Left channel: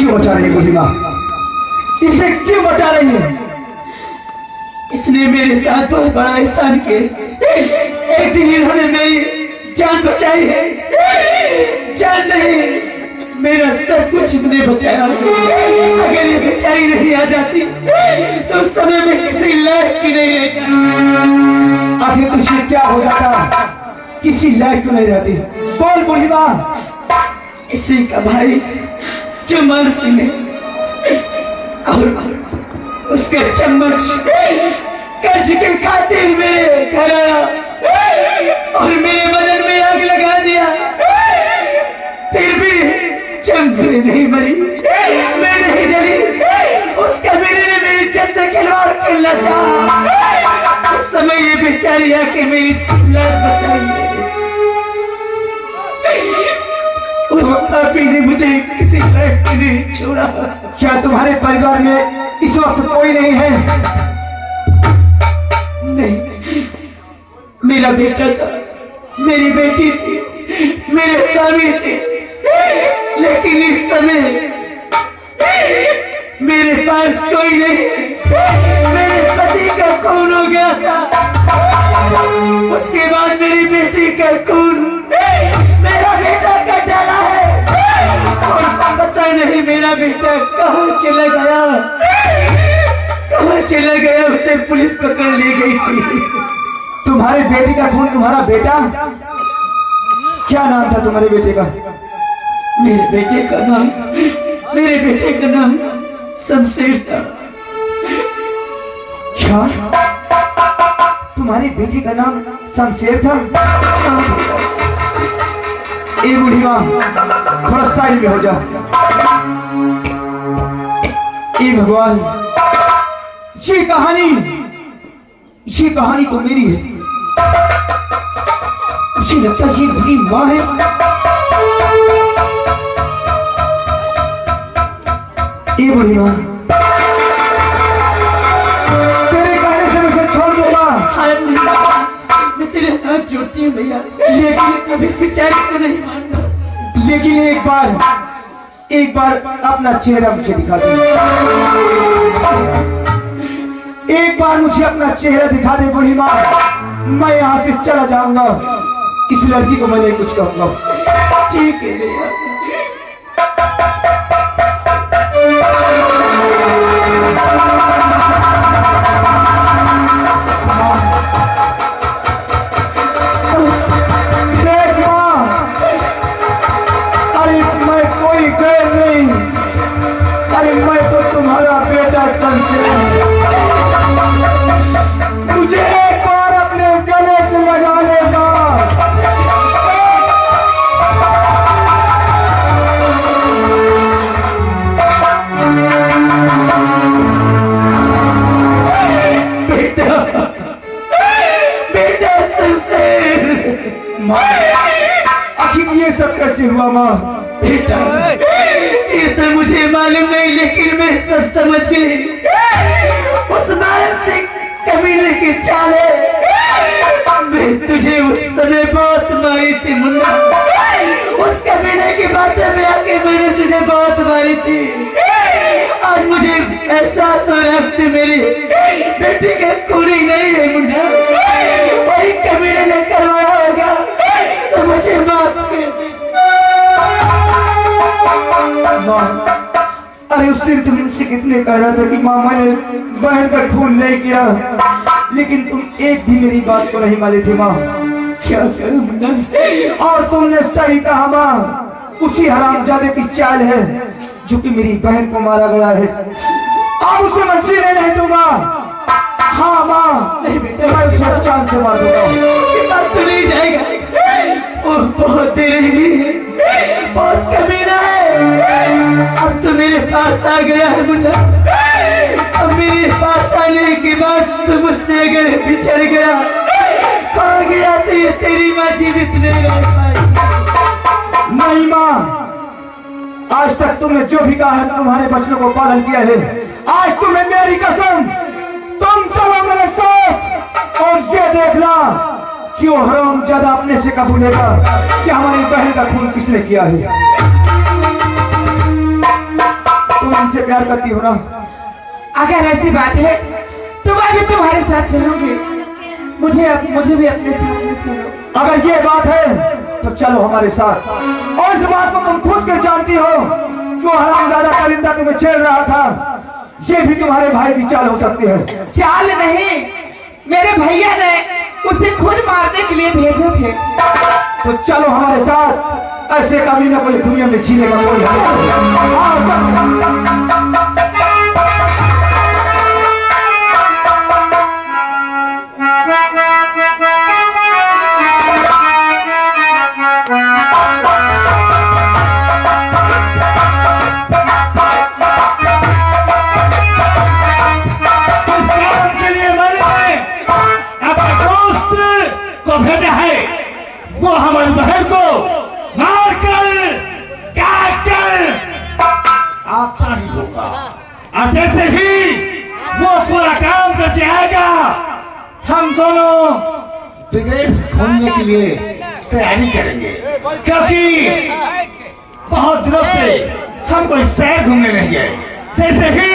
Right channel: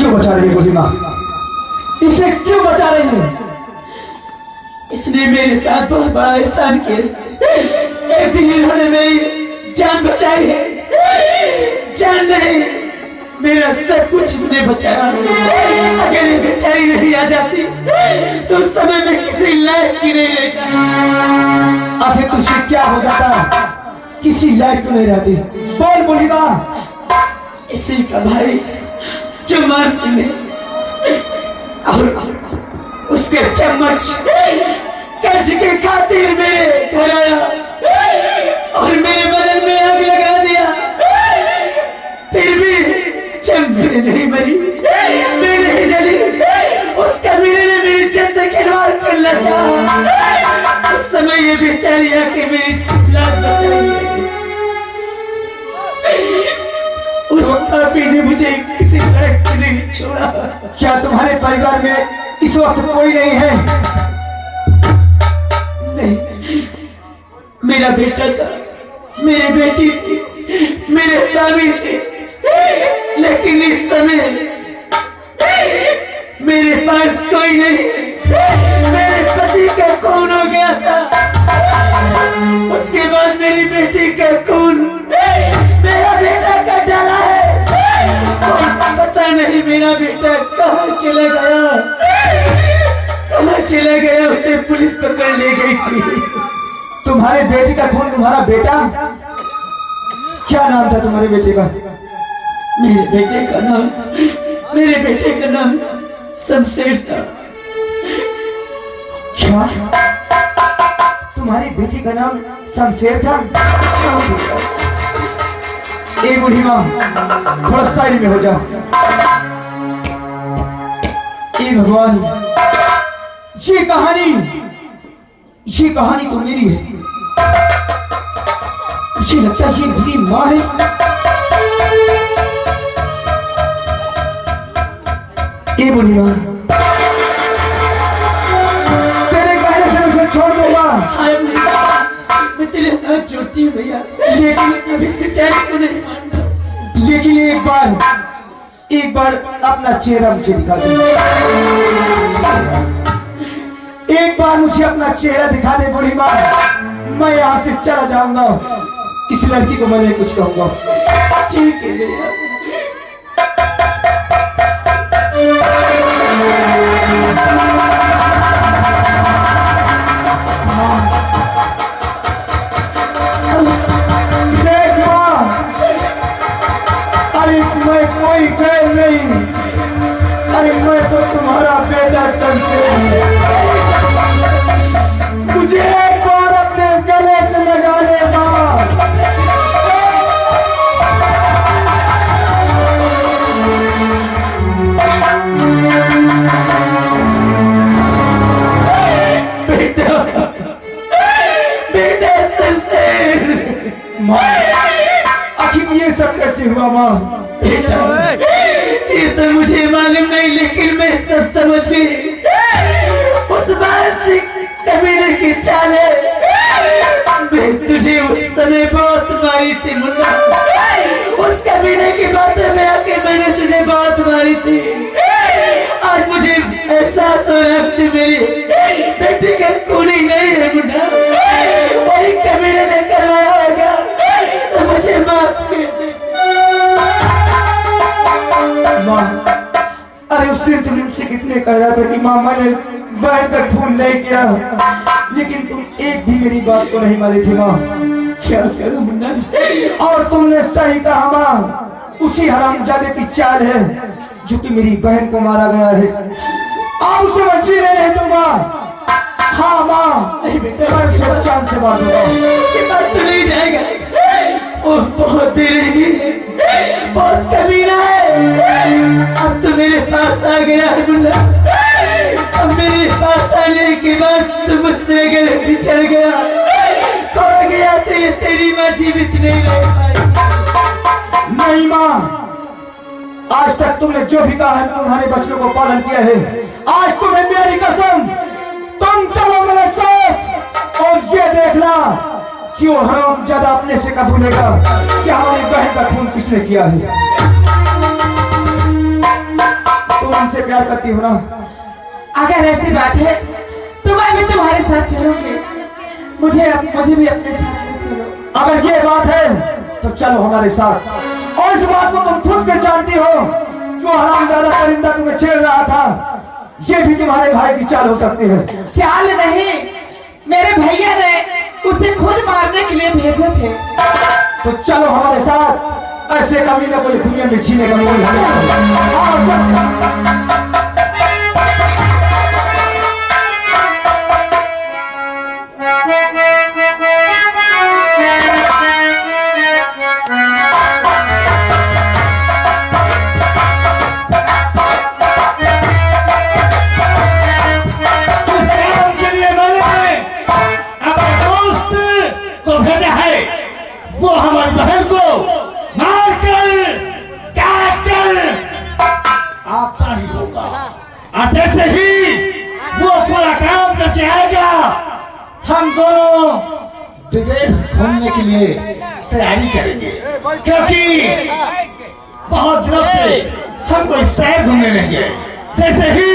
क्यों बचा रही है बूढ़ी माँ? इसे क्यों बचा रही है? इसने मेरे साथ बहुत बड़ा एहसान किया। एक दिन इन्होंने मेरी जान बचाई है। जान नहीं, मेरा सब कुछ इसने बचाया। अगर ये बेचारी नहीं आ जाती तो उस समय में किसी लायक की नहीं रह जाती। आखिर तुझे क्या हो जाता? किसी लायक क्यों नहीं रहती? बोल बूढ़ी माँ। इसी का भाई जो मानसी ने और उसके चम्मच कर्ज के खातिर मेरे घर आया और मेरे बदन में आग लगा दिया। फिर भी चमकने नहीं मरी, मैं नहीं जली। उस कमीने ने मेरी इज्जत से खिलवाड़ करना चाहा। उस समय ये बेचारी आके मेरी लाश बचाई। उस पापी ने मुझे किसी लायक के नहीं छोड़ा। क्या तुम्हारे परिवार में इस वक्त कोई नहीं है? नहीं, मेरा बेटा था, मेरी बेटी थी, मेरे स्वामी थे, लेकिन इस समय मेरे पास कोई नहीं। मेरे पति का खून हो गया था, उसके बाद मेरी बेटी का खून मेरा बेटा का डाला है। कोई पता नहीं मेरा बेटा कहाँ चला गया, कहाँ चला गया। उसे पुलिस पकड़ ले गई थी। तुम्हारे बेटी का खून तुम्हारा बेटा? क्या नाम था तुम्हारे बेटे का? मेरे बेटे का नाम शमशेर था। क्या तुम्हारी बेटी का नाम शमशेर था? ए बूढ़ी माँ, थोड़ा साइड में हो जा। ए भगवान, ये कहानी तो मेरी है। मुझे लगता है ये मेरी माँ है। ए बूढ़ी माँ, तेरे कहने से मुझे छोड़ दूंगा। मैं तेरे हाथ जोड़ती हूँ भैया, लेकिन अब इस बेचारे को नहीं मानना। लेकिन एक बार अपना चेहरा मुझे दिखा दे। एक बार मुझे अपना चेहरा दिखा दे बूढ़ी माँ, मैं यहाँ से चला जाऊंगा। इस लड़की को मैं नहीं कुछ कहूंगा। ठीक है भैया। देख माँ, अरे मैं कोई गैर नहीं, अरे मैं तो तुम्हारा बेटा शमशेर हूँ। मुझे एक बार अपने गले से लगा लेगा। बेटा शमशेर। आखिर ये सब कैसे हुआ माँ? बेटा, ये तो मुझे मालूम नहीं, लेकिन मैं सब समझ गई। उस मानसिक कमीने की चाल है। मैं तुझे उस समय बहुत मारी थी मुन्ना। उस कमीने की बातें में आके मैंने तुझे बहुत मारी थी। आज मुझे एहसास हो रहा है मेरी बेटी का खूनी नहीं है मुन्ना, वही कमीने ने करवाया होगा। तो मुझे माफ कर दे माँ। अरे उस दिन तुमने मुझसे कितने कहा था कि माँ मैंने बहन का खून नहीं किया, लेकिन तुम एक भी मेरी बात को नहीं मानी थी माँ। क्या करूं मुन्ना? और तुमने सही कहा माँ, उसी हरामजादे की चाल है जो कि मेरी बहन को मारा गया है। अब उसे मैं जीने नहीं दूंगा। हाँ माँ, नहीं बेटा, मैं उसे जान से मार दूंगा। उसके बाद तो नहीं जाएगा। वो बहुत बेरहमी है, बहुत कमीना है। अब तो मेरे पास आ गया है मुन्ना। अब मेरे पास आने के बाद तो मुझसे अगर बिछड़ गया, खो गया तो ये तेरी माँ जीवित नहीं रह पाएगी। नहीं माँ, आज तक तुमने जो भी कहा है तुम्हारे बच्चों को पालन किया है। आज तुम्हें मेरी कसम, तुम चलो मेरे साथ और ये देखना कि वो हरामजादा अपने से कबूलेगा कि हमारी बहन का खून किसने किया है। तुम हमसे प्यार करती हो ना? अगर ऐसी बात है तो मैं भी तुम्हारे साथ चलूंगी। मुझे भी अपने साथ में चलो। अगर ये बात है तो चलो हमारे साथ। और इस बात को तुम खुद के जानती हो, जो हरामजादा करिंदा तुम्हें छेड़ रहा था, ये भी तुम्हारे भाई की चाल हो सकती है। चाल नहीं, मेरे भैया ने उसे खुद मारने के लिए भेजे थे। तो चलो हमारे साथ। ऐसे कभी ना कोई दुनिया में जीने का कोई हाल नहीं। आओ, चल। वो हमारे बहन को मार कर काट कर आपका ही होगा। और जैसे ही वो पूरा काम करके आएगा, हम दोनों विदेश घूमने के लिए तैयारी करेंगे, क्योंकि बहुत दिनों से हम कोई शहर घूमने नहीं गए। जैसे ही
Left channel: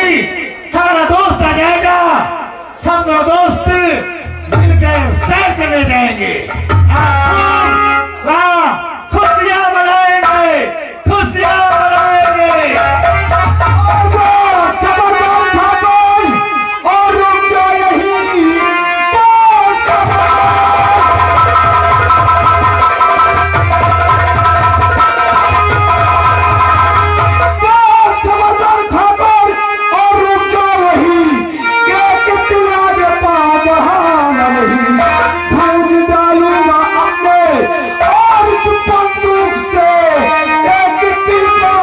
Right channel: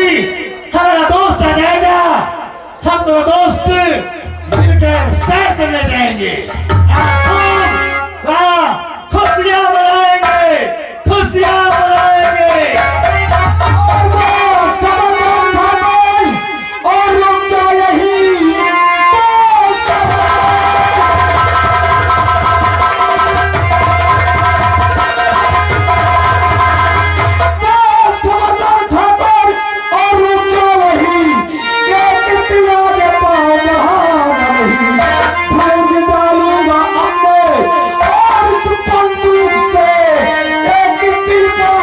हमारा दोस्त आ जाएगा, हम दोनों दोस्त मिलकर सैर करने जाएंगे। खुशियाँ मनाएंगे, खुशियाँ मनाएंगे। और बस खबरदार ठाकुर, और रुक जाओ यहीं। बस खबरदार ठाकुर, और रुक जाओ वहीं। एक दिया के पाँव बहाना नहीं, भूज डालूंगा अपने और इस बंदूक से एक दिल का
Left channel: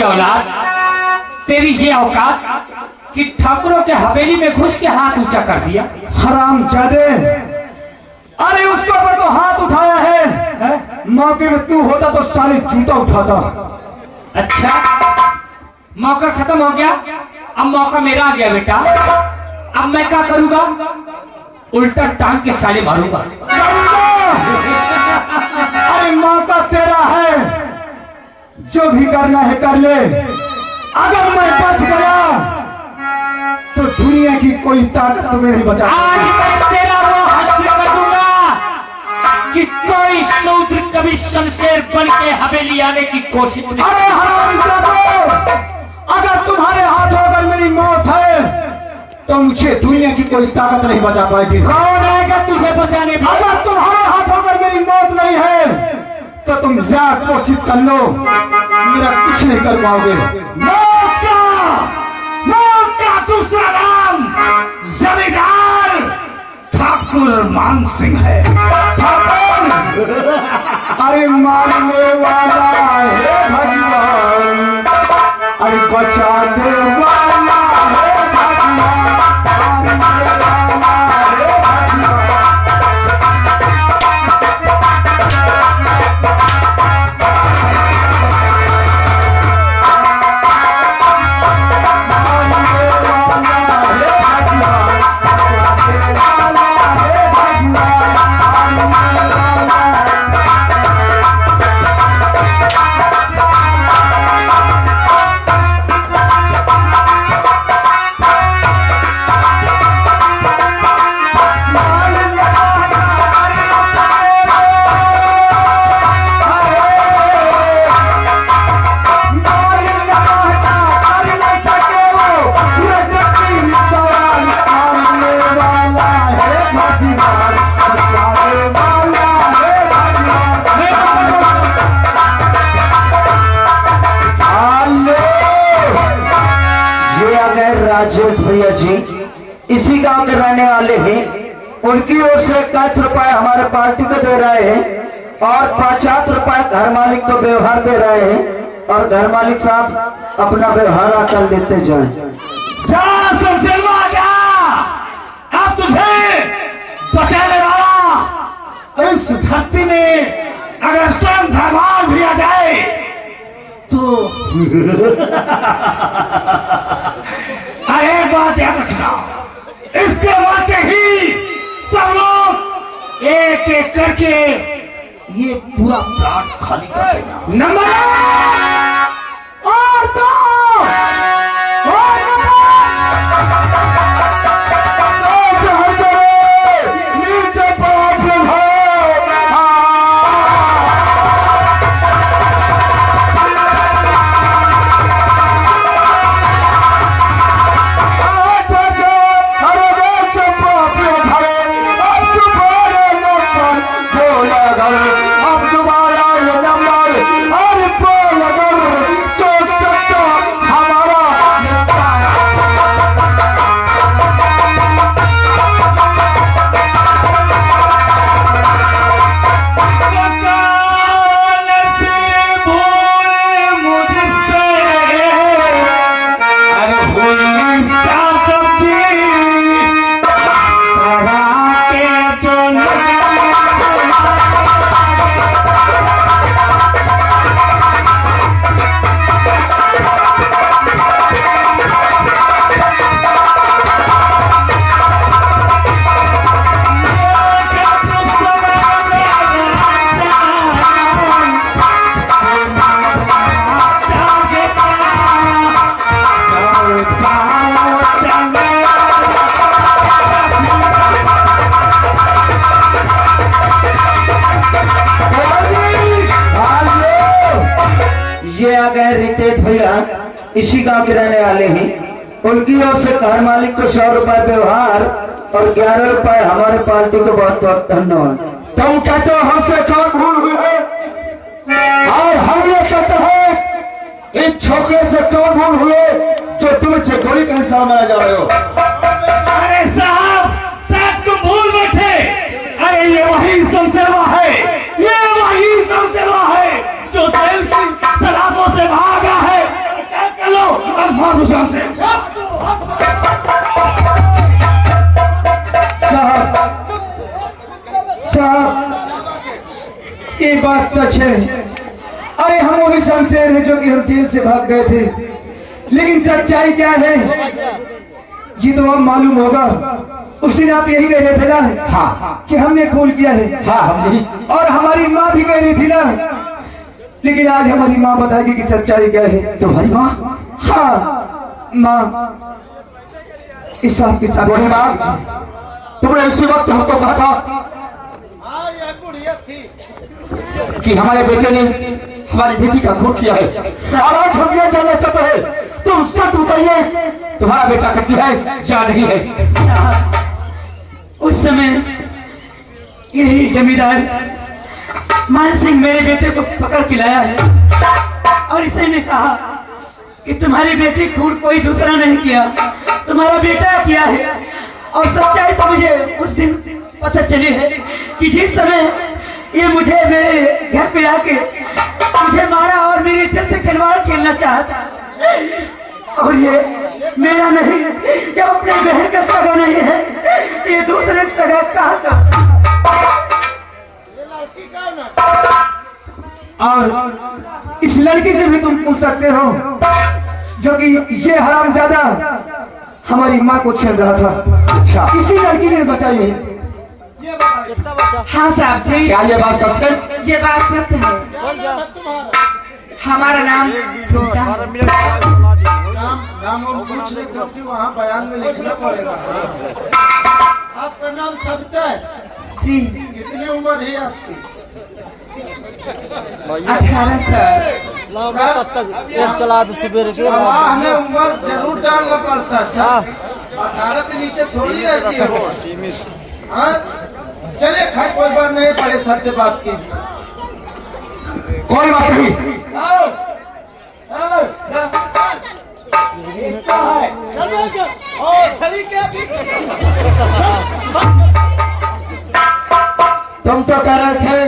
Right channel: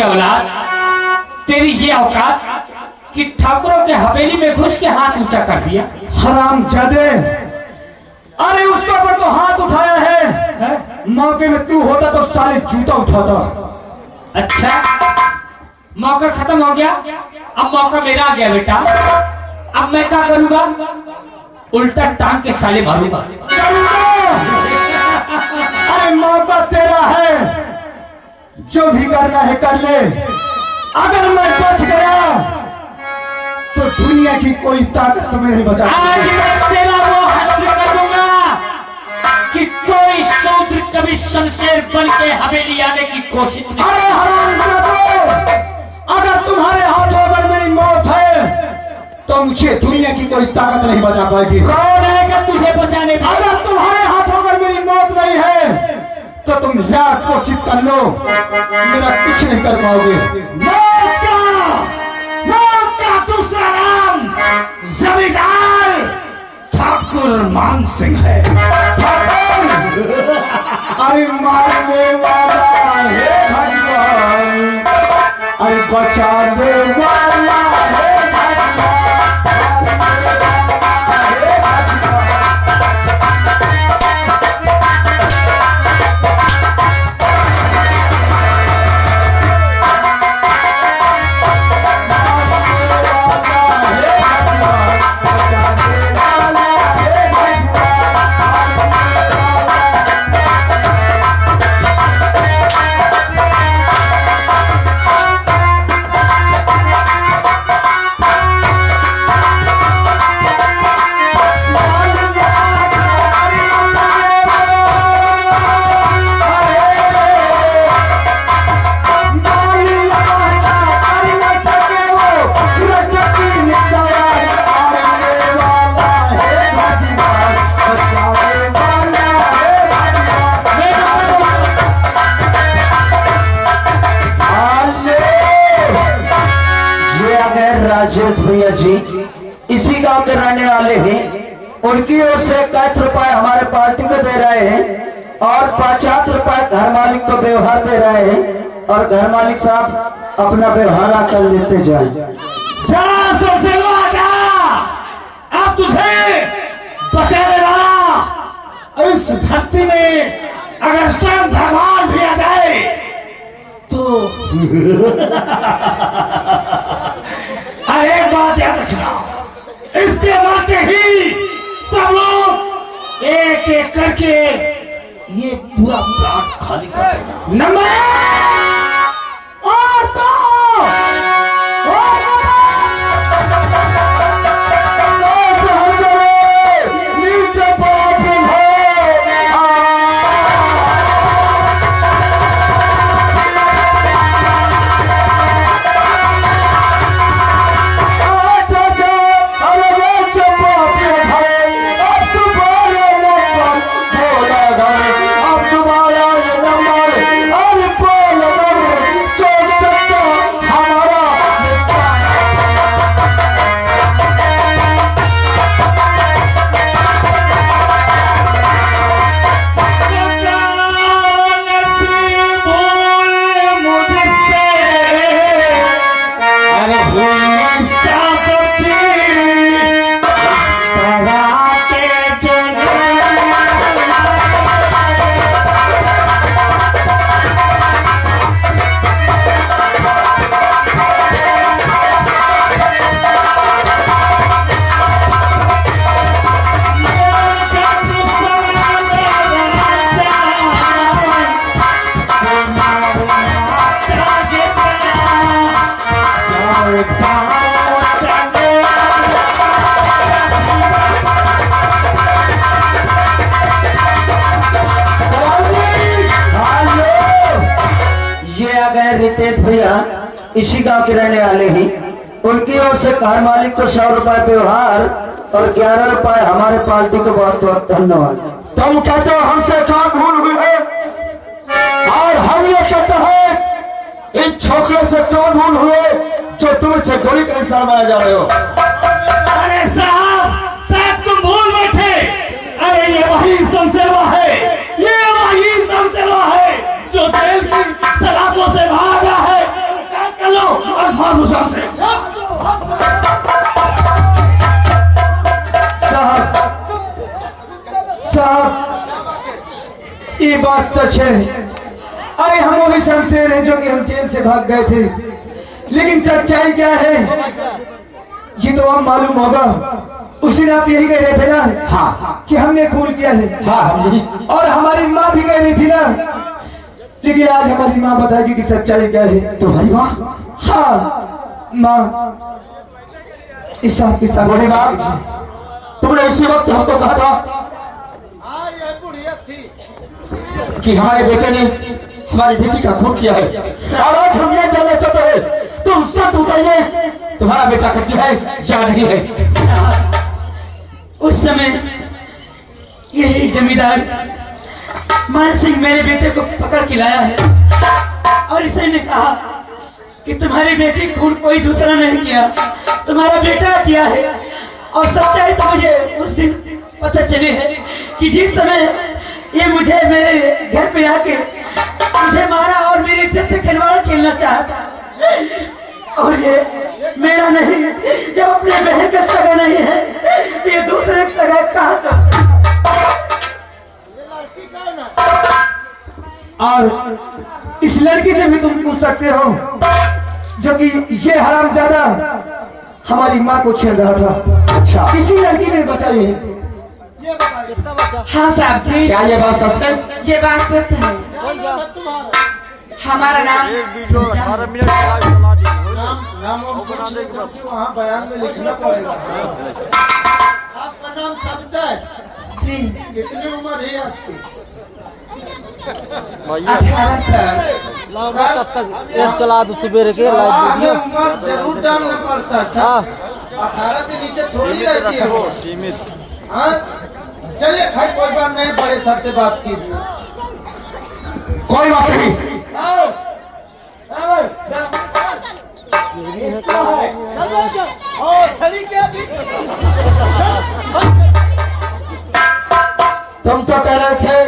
की औलाद, तेरी ये औकात कि ठाकुरों के हवेली में घुस के हाथ ऊंचा कर दिया। हराम जादे, अरे उसके ऊपर तो हाथ उठाया है, मौके में तू होता तो सारे जूता उठाता। अच्छा, मौका खत्म हो गया, अब मौका मेरा आ गया बेटा। अब मैं क्या करूंगा? उल्टा टांग के साले मारूंगा। अरे मौका तेरा है, जो भी करना है कर ले। अगर मैं बच गया तो दुनिया की कोई ताकत तुम्हें नहीं बचा आज मैं तेरा वो हासिल कर दूंगा कि कोई शूद्र कभी शमशेर बन के हवेली आने की कोशिश नहीं। अरे हरामजादे, अगर तुम्हारे हाथ अगर मेरी मौत है तो मुझे दुनिया की कोई ताकत नहीं बचा पाएगी। कौन आएगा तुझे बचाने? अगर तुम्हारे हाथ अगर मेरी मौत नहीं है तो तुम ज्यादा कोशिश कर लो, मेरा कुछ नहीं कर पाओगे। मौका दूसरा नाम जमींदार ठाकुर मान सिंह है। अरे मारने वाला है भगवान, अरे बचाने वाला है भगवान, मारने वाला है भगवान। राजेश भैया जी इसी गांव के रहने वाले हैं। उनकी ओर से 21 रुपए हमारे पार्टी को दे रहे हैं और 50 रुपए घर मालिक को व्यवहार दे रहे हैं, और घर मालिक साहब अपना व्यवहार कर लेते जाए। जा सबसे जा, अब तुझे बचाने वाला इस धरती में अगर स्वयं भगवान भी आ जाए तो एक बात याद रखना, इसके बाद ही सब लोग एक एक करके ये पूरा प्लाट खाली कर देना। नंबर और दो ये आ गए रितेश भैया, इसी गांव के रहने वाले हैं। उनकी ओर से घर मालिक को 100 रुपए व्यवहार और 11 रुपए हमारे पार्टी को बहुत बहुत धन्यवाद। तुम कहते हो हमसे क्या भूल हुई है, और हम ये कहते हैं इन छोकरे से क्यों भूल हुए जो तुम इसे गोली का इंसान बनाए जा रहे हो। अरे साहब तुम भूल बैठे। अरे ये वही शमशेरवा है, ये वही शमशेरवा है जो जेल की सलाखों से भागा है उस यहाँ से। साहब ये बात सच है। अरे हम वही शमशेर हैं जो कि हम जेल से भाग गए थे, लेकिन सच्चाई क्या है ये तो अब मालूम होगा। उस दिन आप यही कह रहे थे ना हाँ कि हमने खून किया है। हाँ हम भी। और हमारी माँ भी कह रही थी ना, लेकिन आज हमारी माँ बताएगी कि सच्चाई क्या है। तो भाई माँ, हाँ माँ, इस आपके साथ बड़े माँ, तुमने उसी वक्त हमको कहा था कि हमारे बेटे ने हमारी बेटी का खून किया है, और आज हम ये जानना चाहते हैं, तुम सच बताइए, तुम्हारा बेटा कत्ल है या नहीं है? उस समय यही जमींदार मान सिंह मेरे बेटे को पकड़ के लाया है और इसे ने कहा कि तुम्हारी बेटी खून कोई दूसरा नहीं किया, तुम्हारा बेटा किया है। और सच्चाई तो मुझे उस दिन पता चली है कि जिस समय ये मुझे मेरे घर पे आके मुझे मारा और मेरी इज्जत से खिलवाड़ खेलना चाहता, और ये मेरा नहीं, ये अपने बहन का सगा नहीं है, ये दूसरे सगा का। और इस लड़की से भी तुम पूछ सकते हो जो कि ये हरामजादा हमारी माँ को छेड़ रहा था। अच्छा, इसी लड़की ने बचाई है। हाँ साहब जी, क्या ये बात सच है? ये बात सत्य है। हमारा नाम वहाँ बयान में लिखना पड़ेगा। आपका नाम सविता है? जी, कितनी उम्र है आपकी? 18 साल। चला दो सवेरे के हमें उम्र जरूर डालना पड़ता था। 18 के नीचे थोड़ी रहती है वो। हाँ? चलिए खैर कोई बात नहीं, बड़े सर से बात कीजिए। कोई बात नहीं। तुम तो कह रहे थे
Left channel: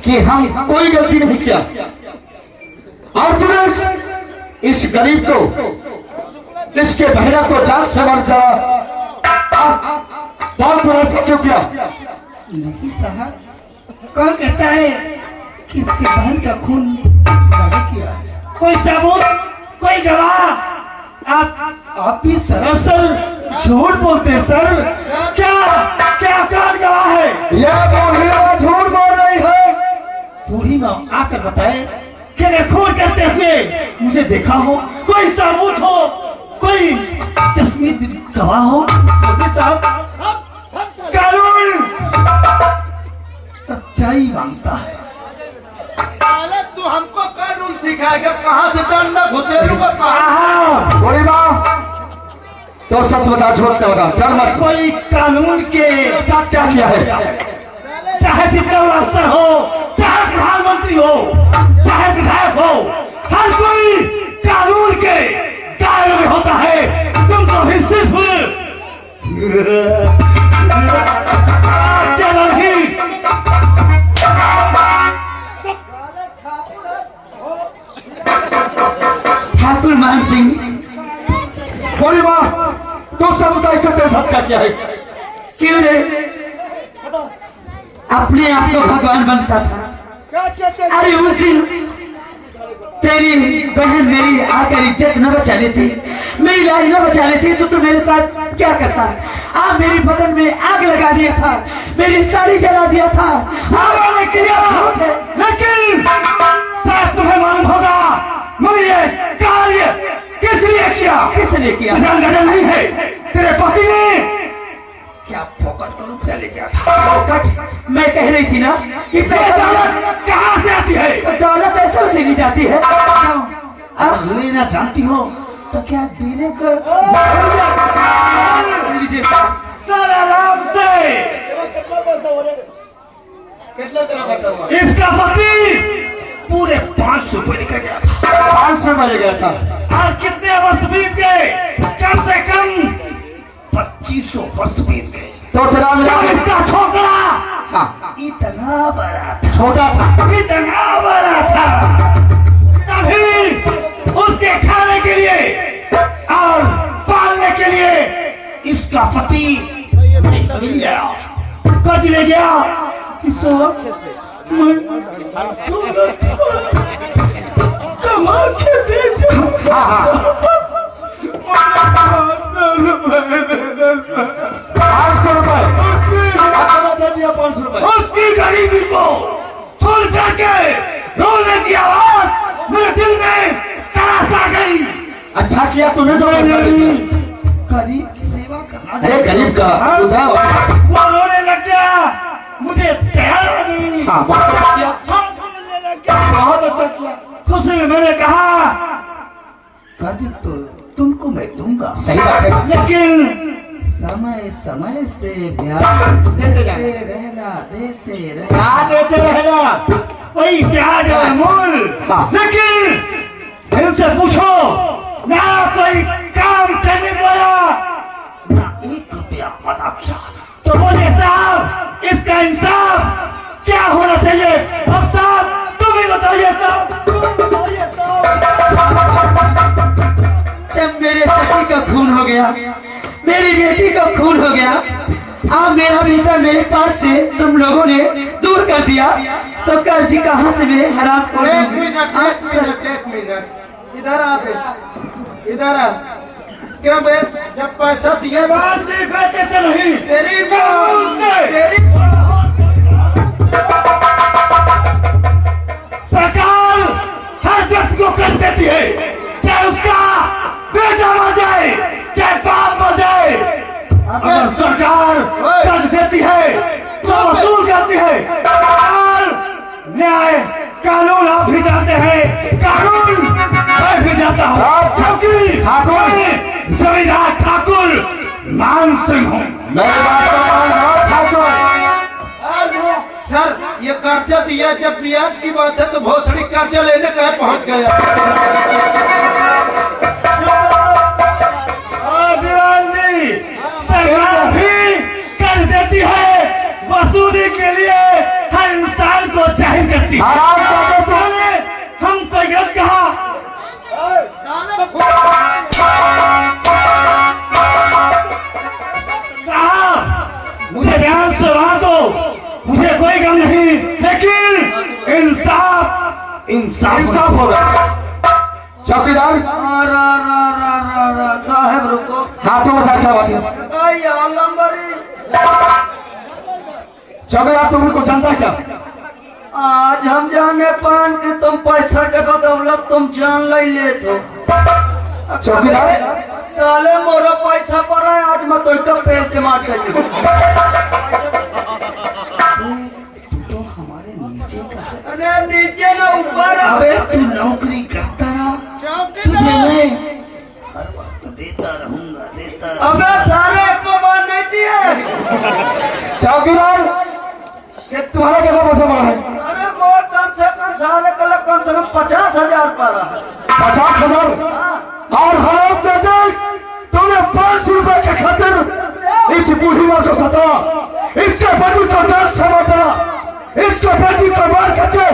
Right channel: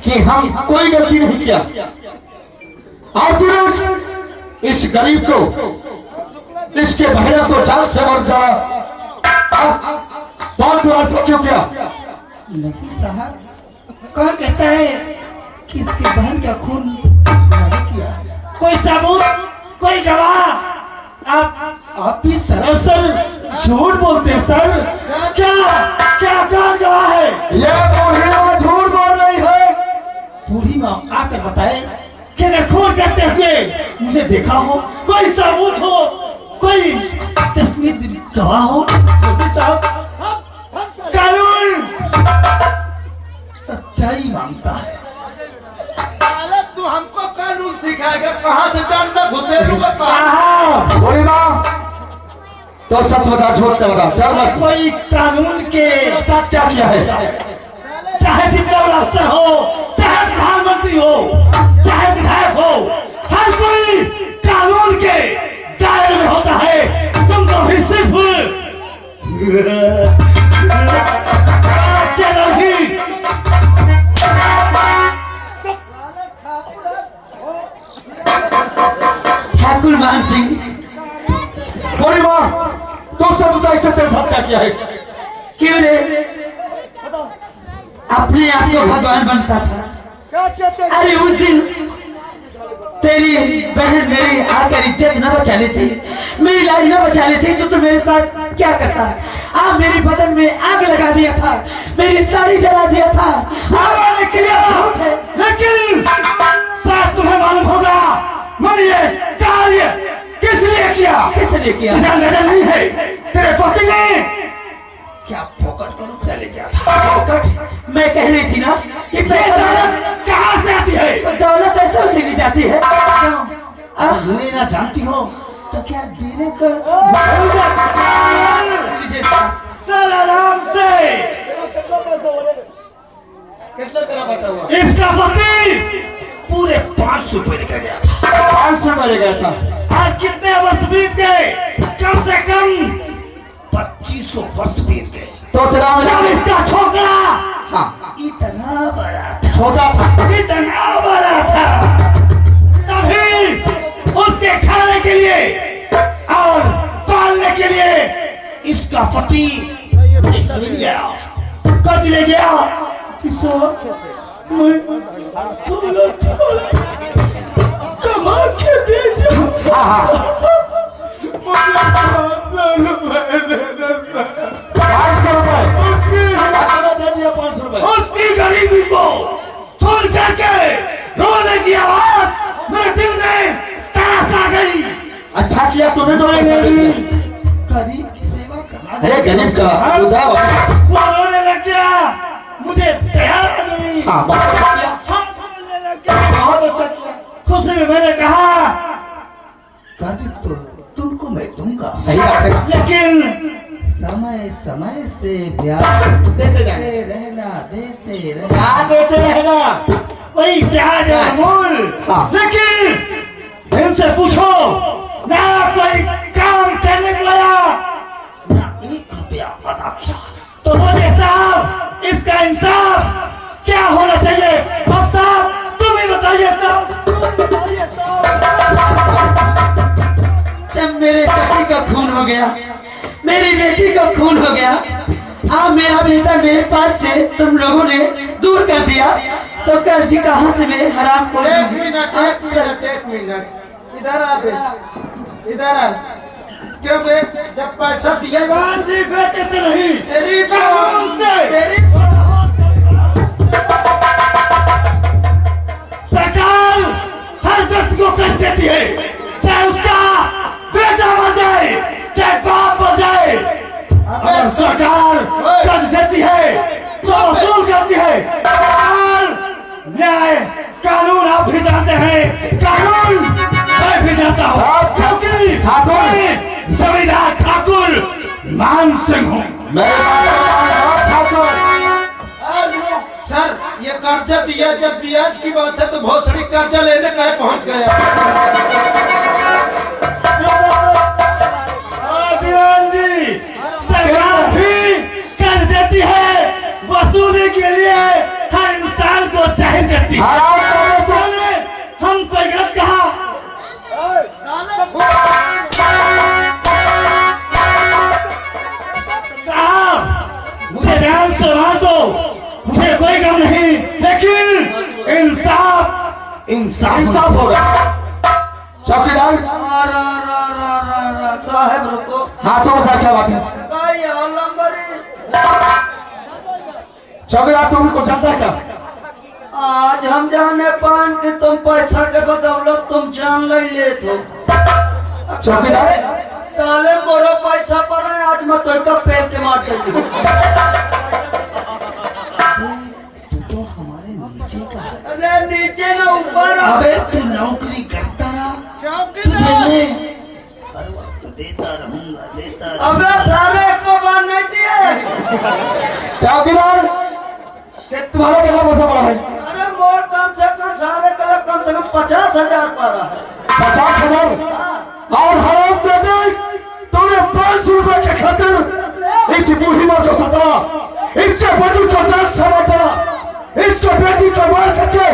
कि हम कोई गलती नहीं किया, और तुमने इस गरीब को, इसके बहरा को जान से मर जा बहुत ऐसा क्यों किया? नहीं साहब, कौन कहता है कि इसके बहन का खून नहीं किया? कोई सबूत, कोई गवाह? आप भी सरासर झूठ बोलते हैं सर। क्या कौन गवाह है? यह बूढ़ी माँ झूठ बोल रही है। बूढ़ी माँ आकर बताए कि अगर खून करते हुए मुझे देखा हो, कोई सबूत हो, कोई तस्वीर गवाह हो, तो साहब कानून सच्चाई मांगता है। साले तू हमको कानून सिखाएगा? कहाँ से डंडा घुसेड़ूंगा? बूढ़ी माँ, तो सच बता, झूठ न बता, डर मत। कोई कानून के साथ क्या किया है? चाहे जितना बड़ा अफसर हो, चाहे प्रधानमंत्री हो, चाहे विधायक हो, हर कोई कानून के दायरे में होता है। तुम तो भी सिर्फ क्या नहीं? ठाकुर मान सिंह, बूढ़ी माँ, तुम सब बताइए तेरे साथ क्या किया है? क्यों रे अपने आप को भगवान बनता था? अरे उस दिन तेरी बहन मेरी आकर इज्जत न बचा लेती, मेरी लाइन न बचा लेती, तो मेरे साथ क्या करता? आप मेरी बदन में आग लगा दिया था, मेरी साड़ी जला दिया था। आपने किया झूठ है, लेकिन शायद तुम्हें मालूम होगा मैंने ये कार्य किस लिए किया। किस लिए किया? तुझे अंदाजा नहीं है, तेरे पति ने क्या फोकट को रुपया ले गया था? फोकट? मैं कह रही थी ना कि दौलत कहाँ से आती है? तो दौलत ऐसा से भी जाती है। अब लेना जानती हो तो क्या देने को आराम से। कितना तेरा पैसा हुआ? इसका पति पूरे 500 रुपये लेकर गया था। 500 में ले गया था। और कितने वर्ष बीत गए? कम से कम 2500 वर्ष बीत गए। तो तेरा जब इसका छोकरा हाँ, इतना बड़ा था, छोटा था। इतना बड़ा था, तभी उसके उसके खाने के लिए और पालने के लिए इसका पति ले गया, कद ले गया। कमा के भेजा। 500 रुपए दे दिया, 500 रुपए। उसकी गरीबी को सुन करके रोने की आवाज मेरे दिल में तरास आ गई। अच्छा किया तूने तो गरीब की सेवा करना। अरे गरीब का उठा वो रोने लग गया, मुझे प्यार नहीं। हाँ, रोने लग गया। बहुत अच्छा किया। खुशी में मैंने कहा कभी तो तुमको मैं दूंगा, सही बात है। लेकिन समय समय से ब्याज देते रहना, देते रहना। क्या देते रहना? वही ब्याज है मूल। हाँ। लेकिन इनसे पूछो ना कोई काम करने वाला ना 1 रुपया अदा किया, तो बोले साहब इसका इंसाफ क्या होना चाहिए? अब साहब तुम ही बताइए साहब, तुम बताइए साहब। जब मेरे बेटी का खून हो गया, मेरी बेटी का खून हो गया, अब मेरा बेटा मेरे पास से तुम लोगों ने दूर कर दिया, तो कर्ज कहाँ से मैं हराम कर एक दूं? मिनट इधर आ बे, इधर आ। क्यों बे, जब पैसा दिया बात जी बेटे से नहीं, तेरी कानून से। सरकार हर व्यक्ति को कर देती है, चाहे उसका बेटा मर जाए, चाहे बाप मर जाए। अगर सरकार कर देती है तो वसूल करती है। सरकार न्याय कानून आप भी जानते हैं, कानून मैं भी जानता हूँ, क्योंकि ठाकुर जमींदार ठाकुर मान सिंह हूँ। मेरे बात का मान हो ठाकुर। सर ये कर्जा दिया, जब ब्याज की बात है तो बहुत सारी कर्जा लेने का पहुंच गया। जी सरकार भी कर देती है, वसूली के लिए हर इंसान को जाहिर करती है। हराम कर देते हमने हमको गलत कहा। साहब मुझे ध्यान से वहां दो, मुझे कोई गम नहीं, लेकिन इंसाफ इंसाफ होगा। चौकीदार साहब रुको, हाथों में क्या बात है? चौकीदार तुम को जानता है क्या? आज हम जाने पान कि तुम पैसा के बदौलत तुम जान नहीं लेते। चौकीदार साले मोरा पैसा पर है, आज मैं तो पैर से मार सकती अरे नीचे ना ऊपर। अबे तू नौकरी करता रहा, अबे सारे को बात नहीं दिए। चौकीदार तुम्हारा क्या पैसा पड़ा है? अरे मोर कम से कम सारे कलर कम से कम 50,000 पड़ा। 50,000 और हराम देते तुमने 500 रुपए के खातिर इस बूढ़ी माँ को सता, इसके बेटी को जान से मारा, इसके बेटी को मार करके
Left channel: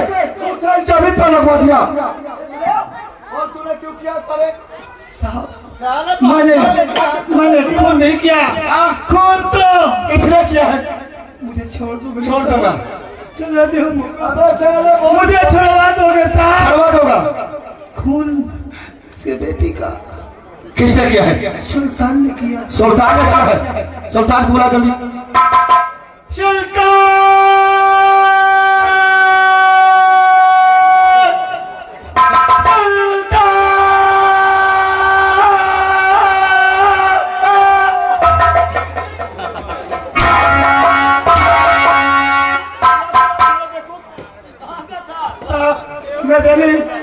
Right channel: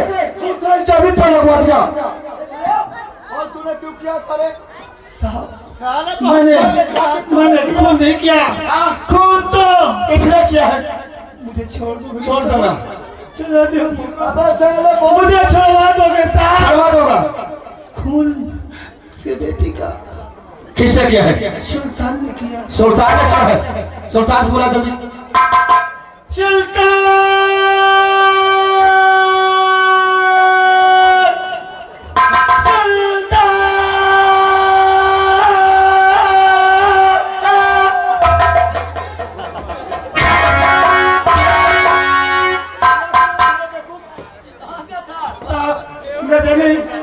जमीन पर लगवा दिया। और तूने क्यों किया सारे? मैंने खून नहीं किया, खून तो किसने किया है? मुझे छोड़ दो, छोड़ दूंगा। चला दो, अबे साले बहुत मुझे छोड़वा दोगे साहब? करवा दूंगा। खून के बेटी का किसने किया है? सुल्तान ने किया। सुल्तान ने किया है। सुल्तान को बुला जल्दी।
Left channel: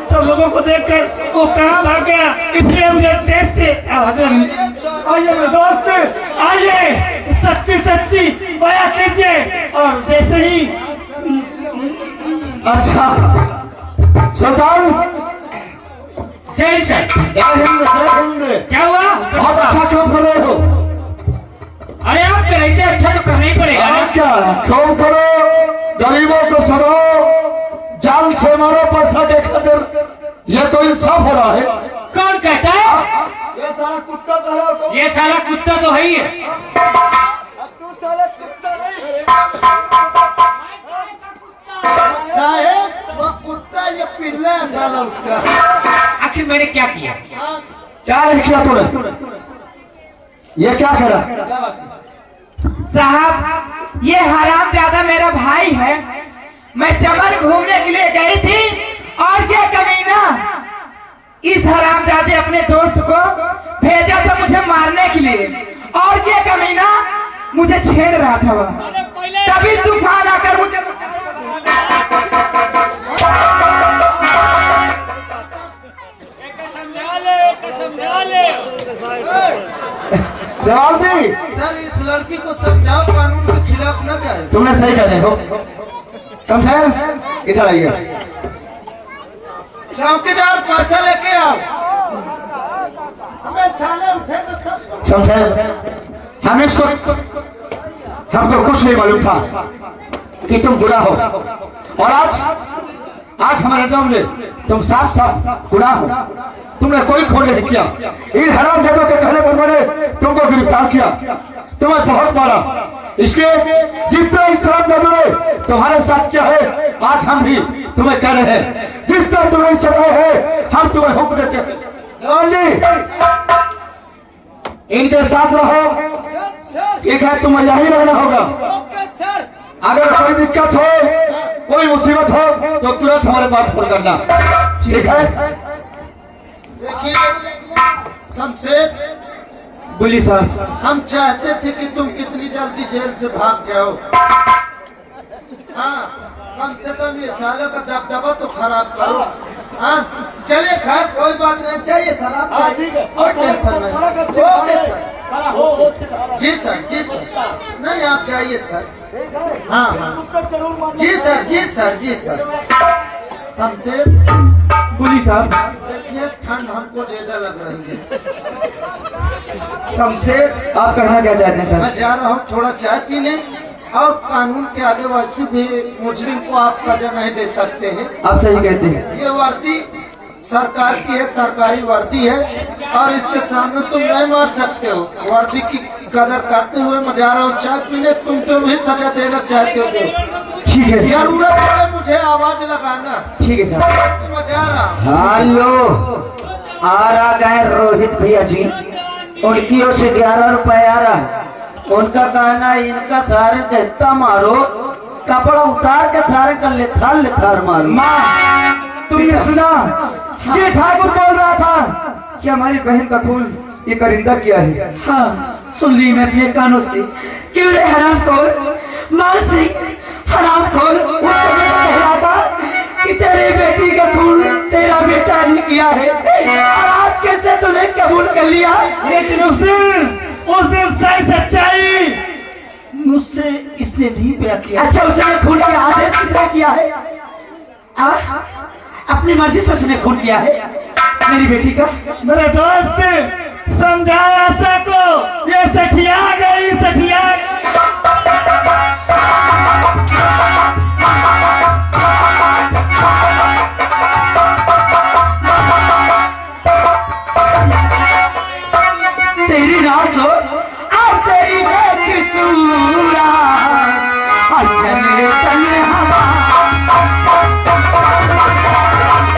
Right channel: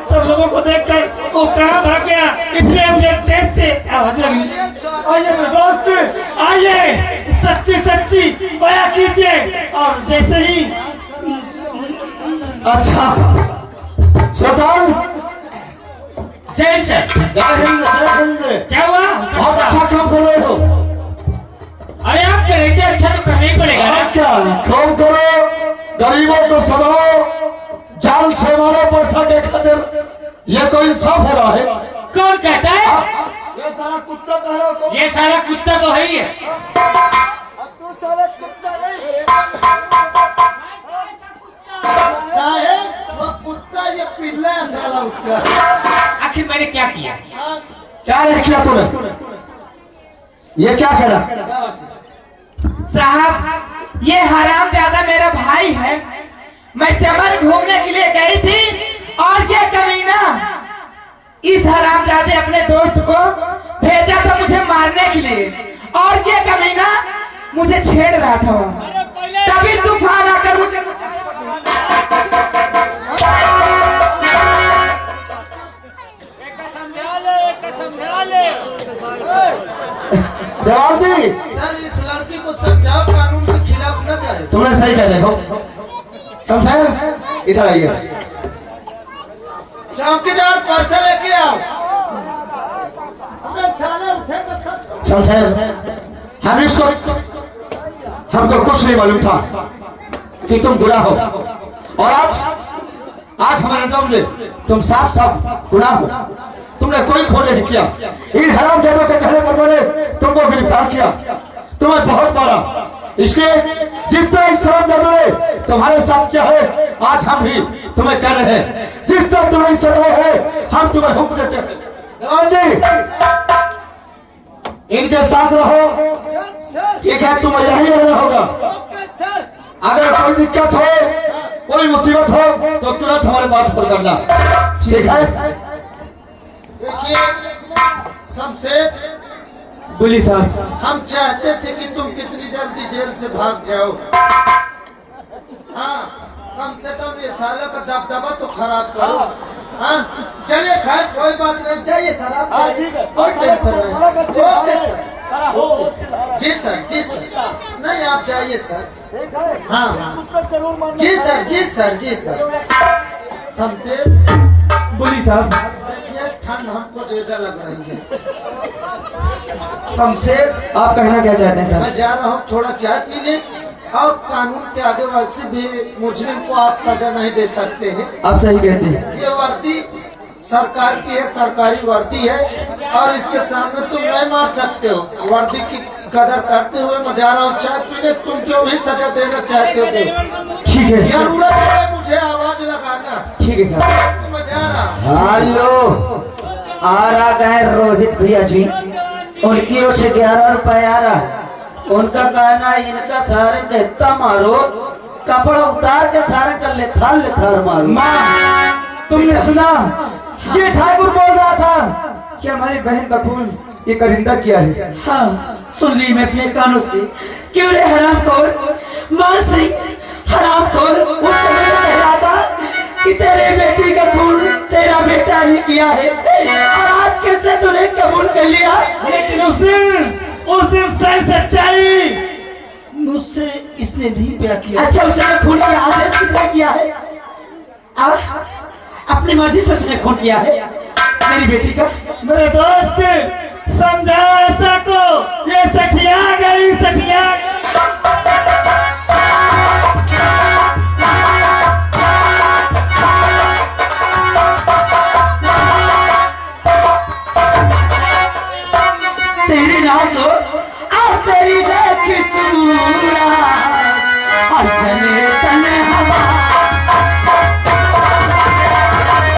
सब लोगों को देखकर वो कहाँ भाग गया, इसलिए मुझे देश से आवाज लगी। आइए मेरे दोस्त, आइए सच्ची सच्ची बया कीजिए। और जैसे ही अच्छा सुल्तान जय सर, जय हिंद, जय हिंद। क्या हुआ? बहुत अच्छा काम कर रहे हो। अरे आप पे रहते अच्छा तो करना ही पड़ेगा ना। और क्या काम करो, गरीबों को समाओ, जान से मारो पैसा के खातिर। ये कोई इंसाफ हो रहा है? कौन कहता है? ये सारा कुत्ता कह रहा हो ये साला कुत्ता तो है ही है। तू साला कुत्ता नहीं साहेब, वो कुत्ता ये पिल्ला है साला उसका। आखिर मैंने क्या किया? क्या नहीं किया तूने? ये क्या करा? साहब ये हरामजादा मेरा भाई है। मैं चमन घूमने के लिए गई थी और ये कमीना इस हरामजादे अपने दोस्त को भेजा था मुझे मारने के लिए, और ये कमीना मुझे छेड़ रहा था वहाँ। तभी तूफान आकर मुझे समझा ले। जवाब दी। सर इस लड़की को समझाओ, कानून के खिलाफ न जाए। तुमने सही कह रहे हो। शमशेर इधर आइए। चौकीदार पैसा लेके आओ। अबे साले उठे तो सब। शमशेर हमें इस वक्त हमको कुछ नहीं मालूम था कि तुम गुनाह हो, और आज हमारे सामने तुम साफ साफ गुनाह हो। तुमने कोई खून नहीं किया। इन हरामजादों के कहने पर मैंने तुमको गिरफ्तार किया, तुम्हें बहुत मारा। इसलिए जिस तरह इस हरामजादों ने तुम्हारे साथ किया है, आज हम भी तुम्हें कह रहे हैं जिस तरह तुम्हें सजा है हम तुम्हें हुक्म देते हैं। जवान जी इनके साथ रहो, ठीक है? तुम्हें यही रहना होगा। अगर कोई दिक्कत हो, कोई मुसीबत हो तो तुरंत हमारे पास फोन करना, ठीक है? देखिए शमशेर, बोली साहब। हम चाहते थे कि तुम कितनी जल्दी जेल से भाग जाओ। हाँ, कम से कम ये सालों का दबदबा तो खराब करो। हाँ, चलिए खैर कोई बात नहीं, चाहिए सर। कोई टेंशन नहीं। जी सर, जी सर। नहीं आप जाइए सर। हाँ हाँ जी सर, जी सर, जी सर। शमशेर बोली साहब। देखिए ठंड हमको ज्यादा लग रही है। शमशेर आप कहना क्या चाहते हैं? मैं जा रहा हूँ थोड़ा चाय पीने, और कानून के आगे वैसे भी मुजरिम को आप सजा नहीं दे सकते हैं। आप सही कहते हैं। ये वर्दी सरकार की है, सरकारी वर्दी है, और इसके सामने तुम नहीं मार सकते हो। वर्दी की कदर करते हुए मैं जा रहा हूँ चाय पीने, तुम जो भी सजा देना चाहते हो। ठीक है, जरूरत है मुझे आवाज लगाना। ठीक है साहब। मैं जा रहा हूँ। हेलो, आ रहा गए रोहित भैया जी, उनकी ओर से 11 रुपए आ रहा। उनका कहना है इनका सारन का इतना मारो, कपड़ा उतार के सारन का लेथार मारो। माँ तुमने सुना? ये ठाकुर बोल रहा था कि हमारी बहन का खून ये करिंदा किया है। हाँ, सुन ली मैं अपने कानों से। क्यों रे हरामखोर मान सिंह, हरामखोर उस समय कह रहा था कि तेरे बेटी का खून तेरा बेटा ने किया है, और आज कैसे तूने कबूल कर लिया? लेकिन उस दिन सही सच्चाई मुझसे इसने नहीं पिला किया। अच्छा, उसने खून किया, आदेश किसने किया है? अपनी मर्जी से उसने खून किया है मेरी बेटी का। मेरे दोस्त समझा